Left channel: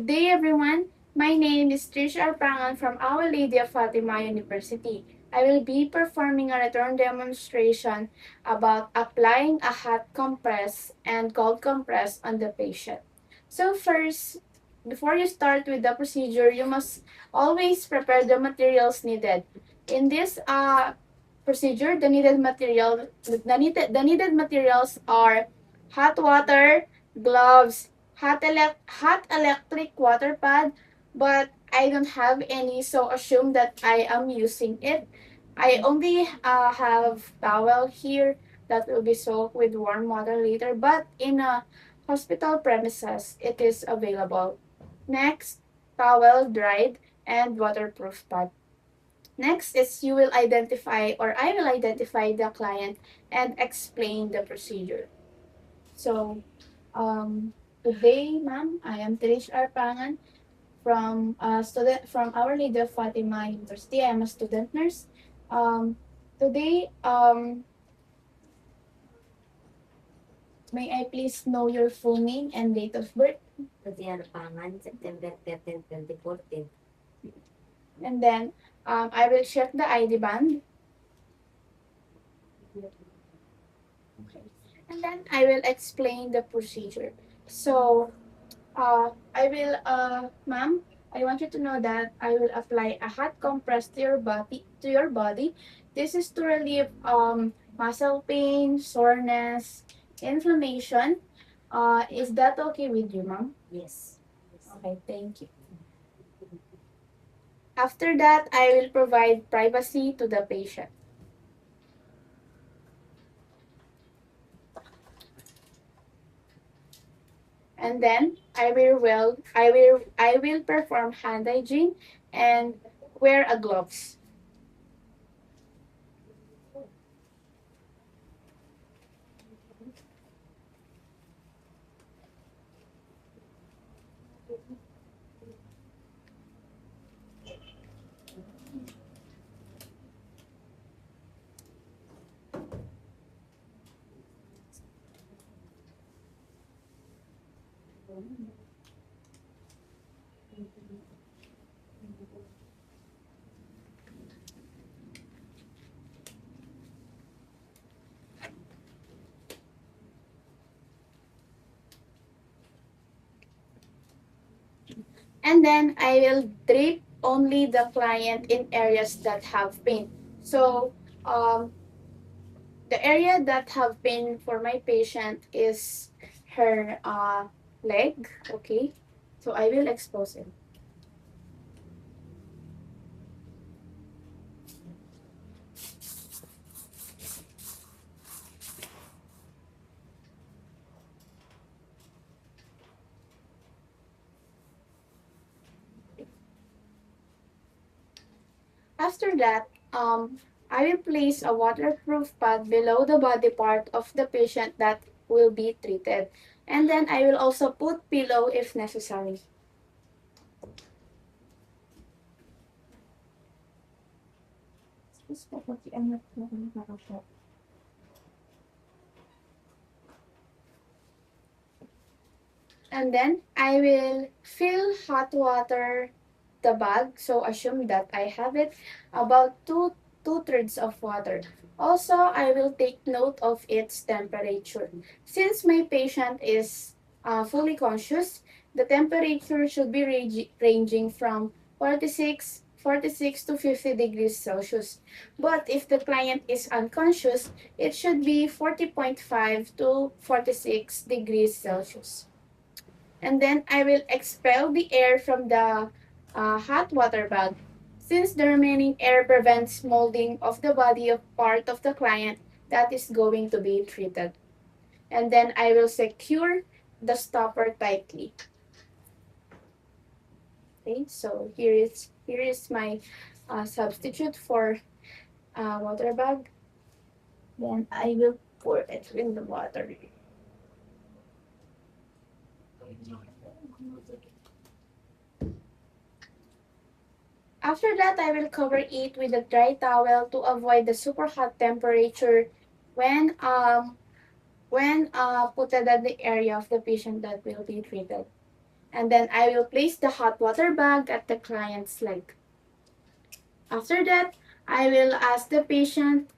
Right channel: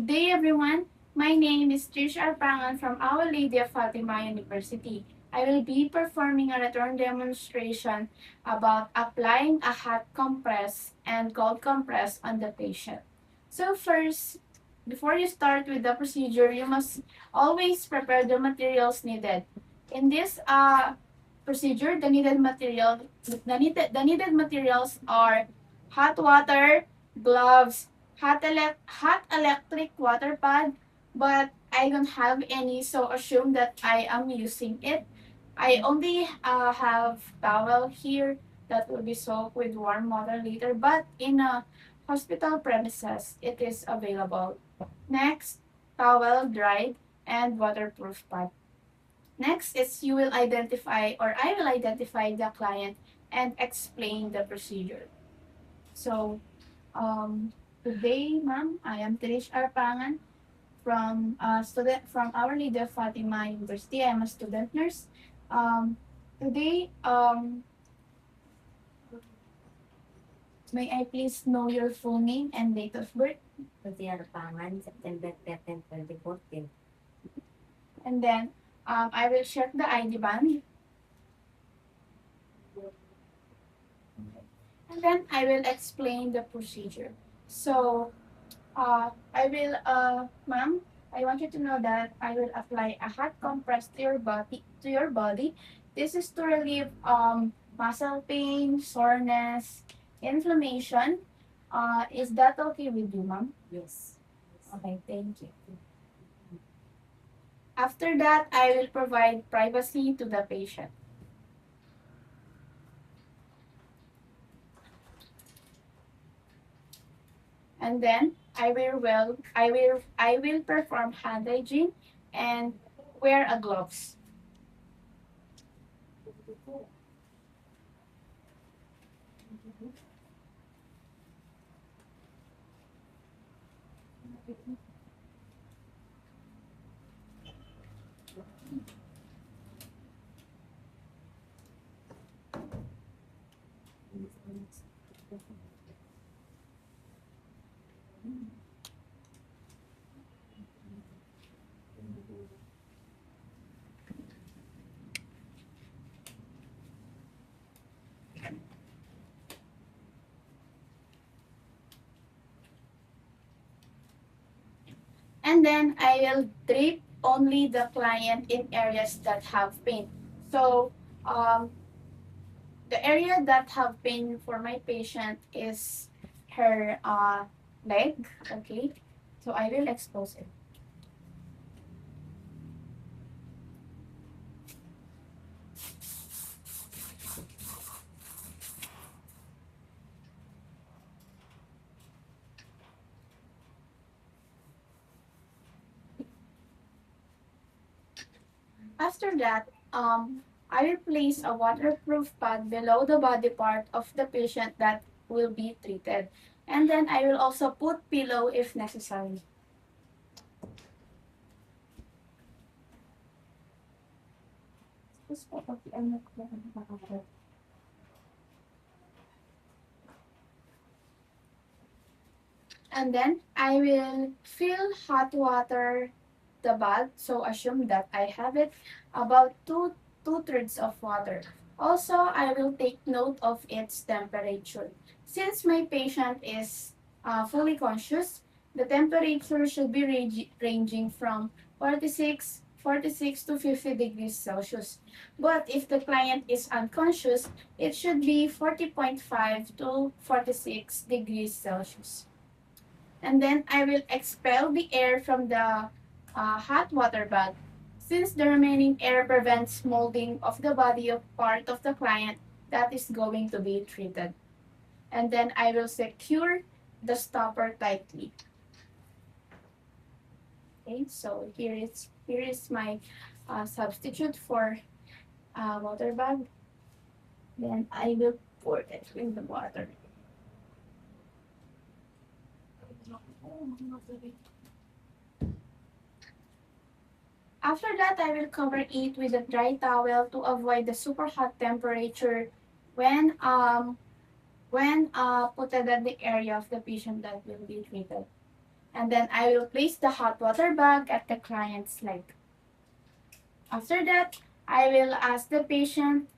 Good day, everyone. My name is Trish Arpangan from Our Lady of Fatima University. I will be performing a return demonstration about applying a hot compress and cold compress on the patient. So first, before you start with the procedure, you must always prepare the materials needed. In this procedure, the needed materials are hot water, gloves, hot electric water pad, but I don't have any, so assume that I am using it. I only have towel here that will be soaked with warm water later, but in a hospital premises, it is available. Next, towel dried and waterproof pad. Next is you will identify or I will identify the client and explain the procedure. So, today, ma'am, I am Trish Arpangan from student from Our Lady of Fatima University. I am a student nurse. Today, may I please know your full name and date of birth? Tatiana Pangan, September 13, 2014. And then, I will check the ID band. Okay. And then I will explain the procedure. So, ma'am, I want you to know that I will apply a hot compress to your body. This is to relieve muscle pain, soreness, inflammation. Is that okay with you, ma'am? Yes. Okay, thank you. After that, I will provide privacy to the patient. And then I will perform hand hygiene and wear a gloves. And then I will drip only the client in areas that have pain. So um, the area that have pain for my patient is her leg. Okay, so I will expose it. After that, I will place a waterproof pad below the body part of the patient that will be treated. And then I will also put pillow if necessary. And then I will fill hot water the bag. So assume that I have it about two-thirds of water. Also, I will take note of its temperature. Since my patient is fully conscious, the temperature should be ranging from 46 to 50 degrees Celsius. But if the client is unconscious, it should be 40.5 to 46 degrees Celsius. And then I will expel the air from the hot water bag. Since the remaining air prevents molding of the body of part of the client that is going to be treated. And then I will secure the stopper tightly. Okay, so here is my substitute for water bag. Then I will pour it in the water. After that, I will cover it with a dry towel to avoid the super hot temperature when put at the area of the patient that will be treated. And then I will place the hot water bag at the client's leg. After that, I will ask the patient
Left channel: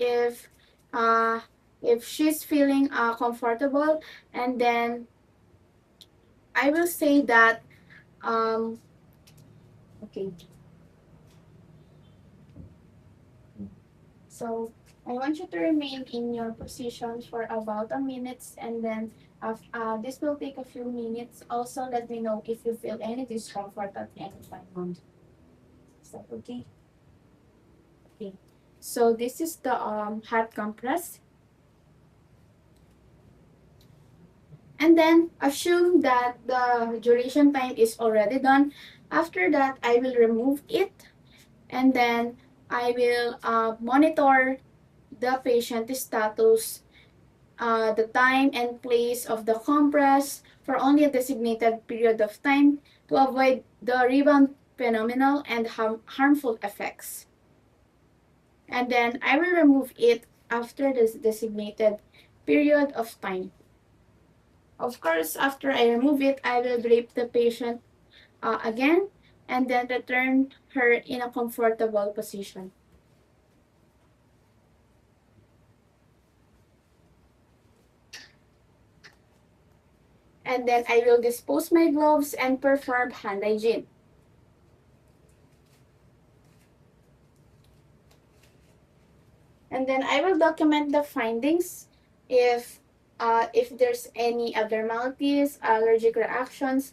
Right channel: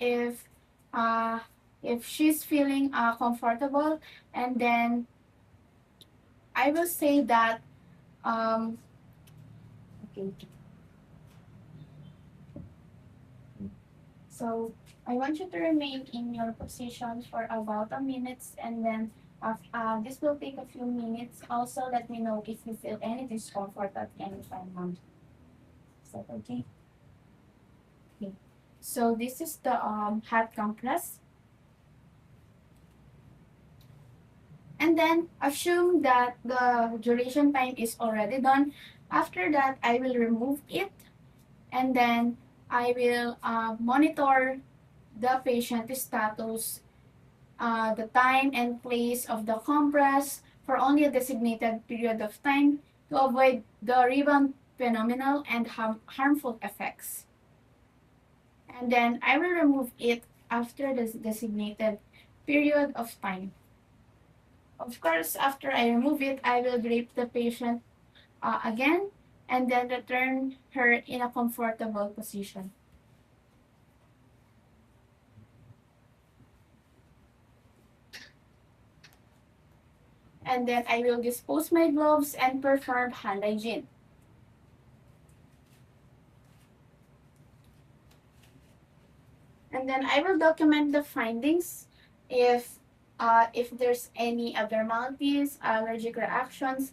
uh, if she's feeling comfortable, and then I will say that um, okay. So I want you to remain in your position for about a minute, and then this will take a few minutes. Also, let me know if you feel any discomfort at any time, ma'am. Is that okay? Okay. So this is the hot compress. And then assume that the duration time is already done. After that, I will remove it, and then I will monitor the patient status, the time and place of the compress for only a designated period of time to avoid the rebound phenomenon and harmful effects. And then I will remove it after the designated period of time. Of course, after I remove it, I will drape the patient again and then return her in a comfortable position. And then I will dispose my gloves and perform hand hygiene. And then I will document the findings if there's any abnormalities, allergic reactions,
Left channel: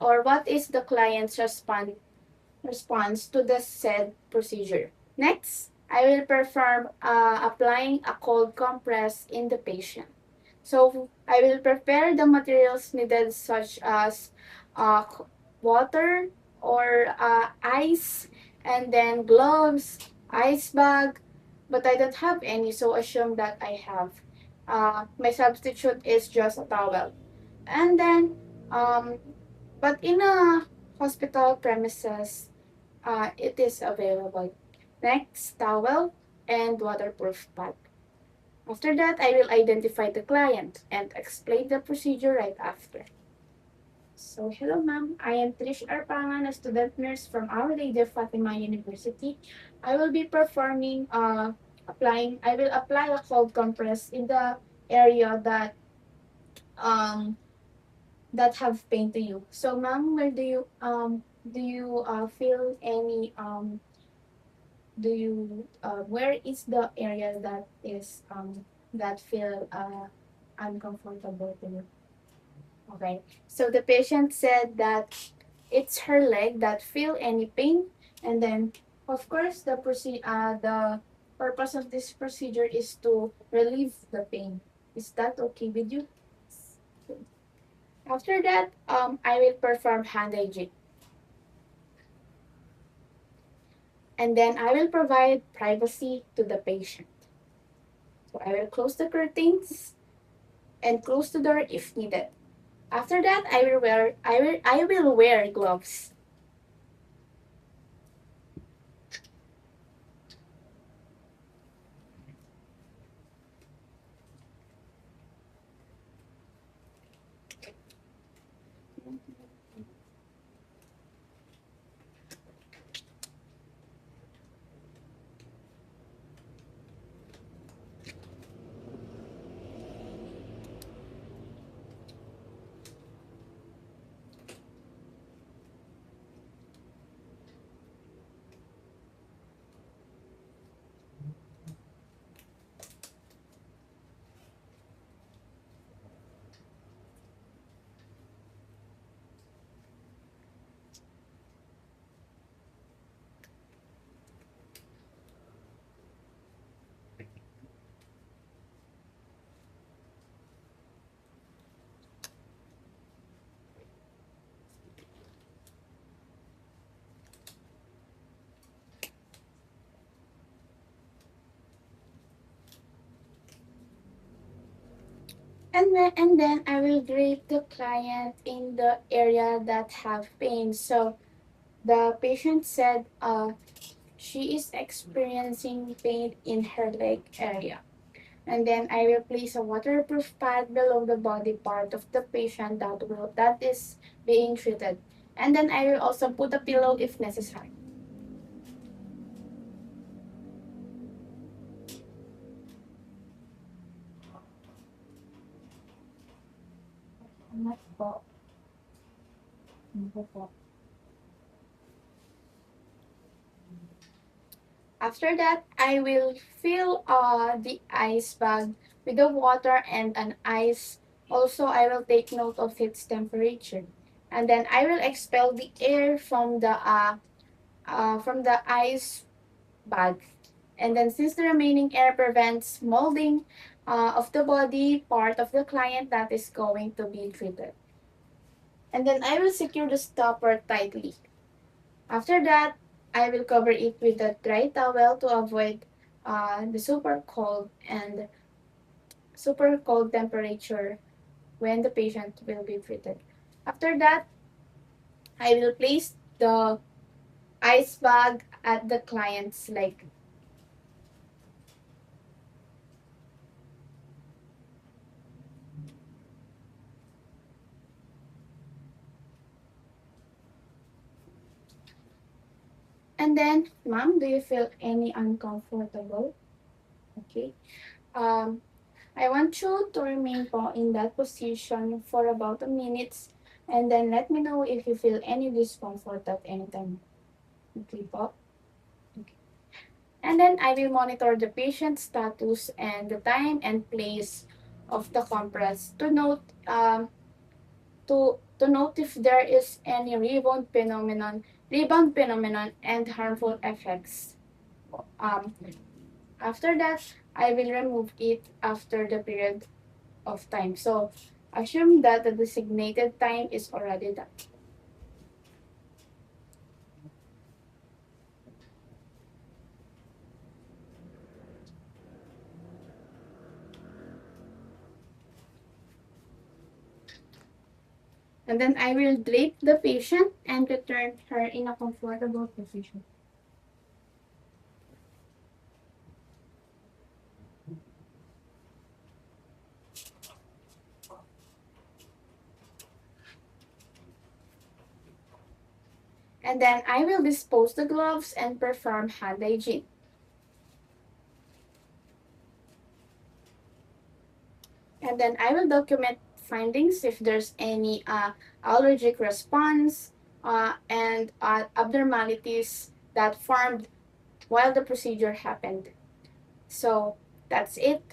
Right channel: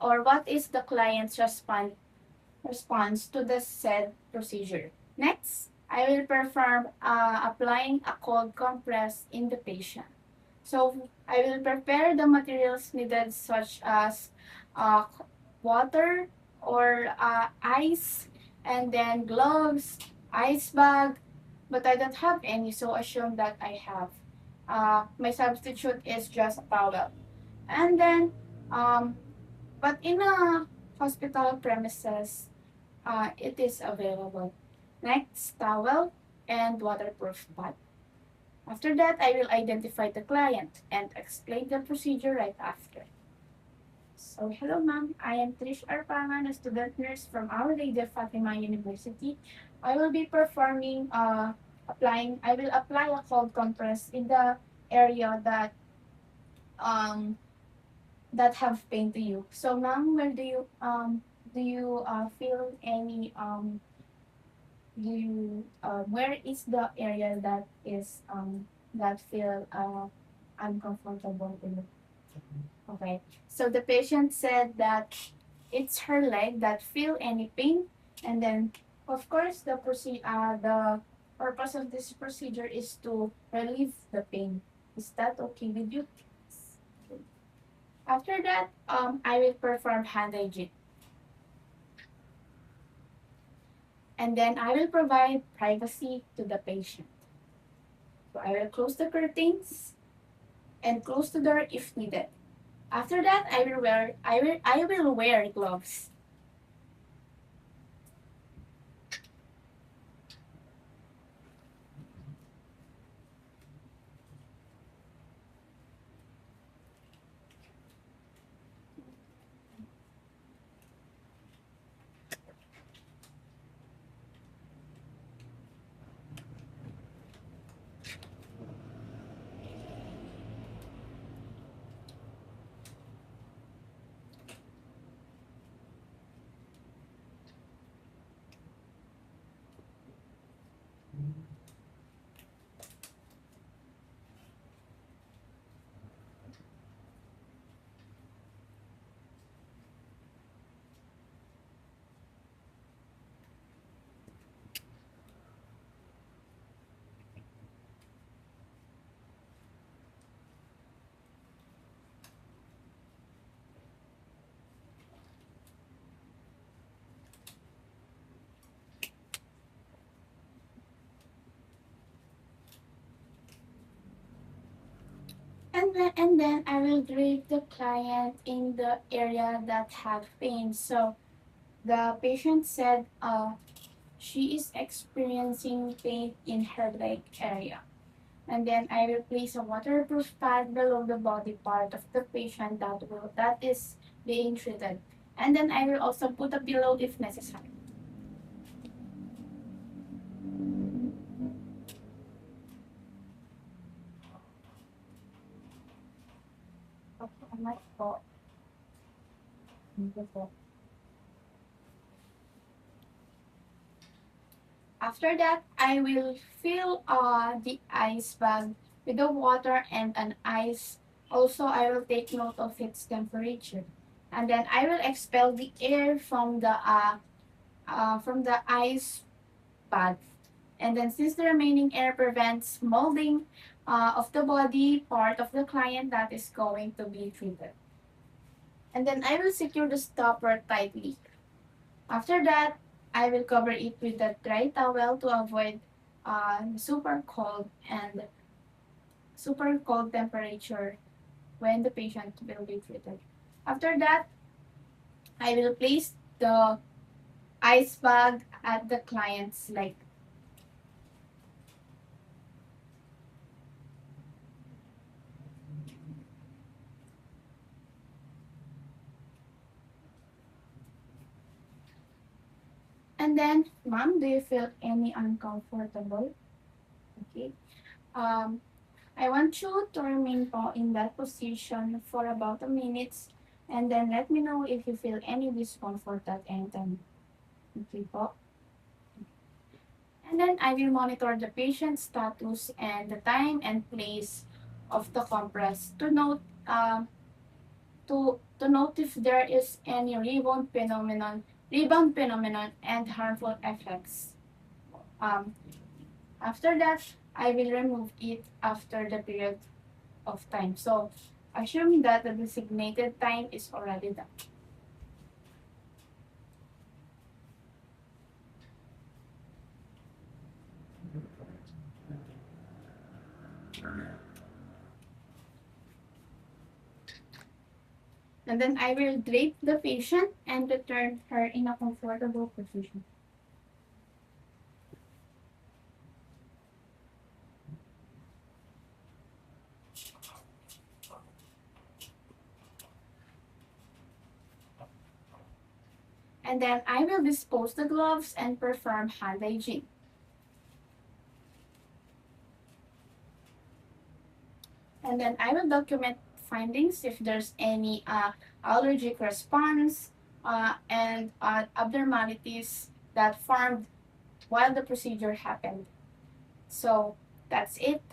or what is the client's response to the said procedure. Next, I will perform applying a cold compress in the patient. So I will prepare the materials needed such as uh, water or ice, and then gloves, ice bag, but I don't have any, so assume that I have. My substitute is just a towel. And then, um, but in a hospital premises, it is available. Next, towel and waterproof bag. After that, I will identify the client and explain the procedure right after. So, hello ma'am. I am Trish Arpangan, a student nurse from Our Lady of Fatima University. I will be I will apply a cold compress in the area um, that have pain to you. So, ma'am, where do you feel any where is the area that feel uncomfortable to you? Okay. So the patient said that it's her leg that feel any pain, and then of course the purpose of this procedure is to relieve the pain. Is that okay with you? After that, I will perform hand hygiene, and then I will provide privacy to the patient. So I will close the curtains and close the door if needed. After that, I will wear gloves. And then I will grade the client in the area that have pain. So the patient said she is experiencing pain in her leg area. And then I will place a waterproof pad below the body part of the patient that being treated. And then I will also put a pillow if necessary. Salamat po. Thank you po. After that, I will fill the ice bag with the water and an ice. Also, I will take note of its temperature. And then I will expel the air from the ice bag. And then since the remaining air prevents molding of the body part of the client that is going to be treated. And then I will secure the stopper tightly. After that, I will cover it with a dry towel to avoid the super cold temperature when the patient will be treated. After that, I will place the ice bag at the client's leg. And then, ma'am, do you feel any uncomfortable? Okay. Um, I want you to remain po in that position for about a minute and then let me know if you feel any discomfort at any time. Okay po? Okay. And then I will monitor the patient's status and the time and place of the compress to note if there is any rebound phenomenon and harmful effects. Um, After that, I will remove it after the period of time. So assume that the designated time is already done. And then I will drape the patient and return her in a comfortable position. And then I will dispose the gloves and perform hand hygiene. And then I will document findings if there's any allergic response and abnormalities that formed while the procedure happened. So that's it.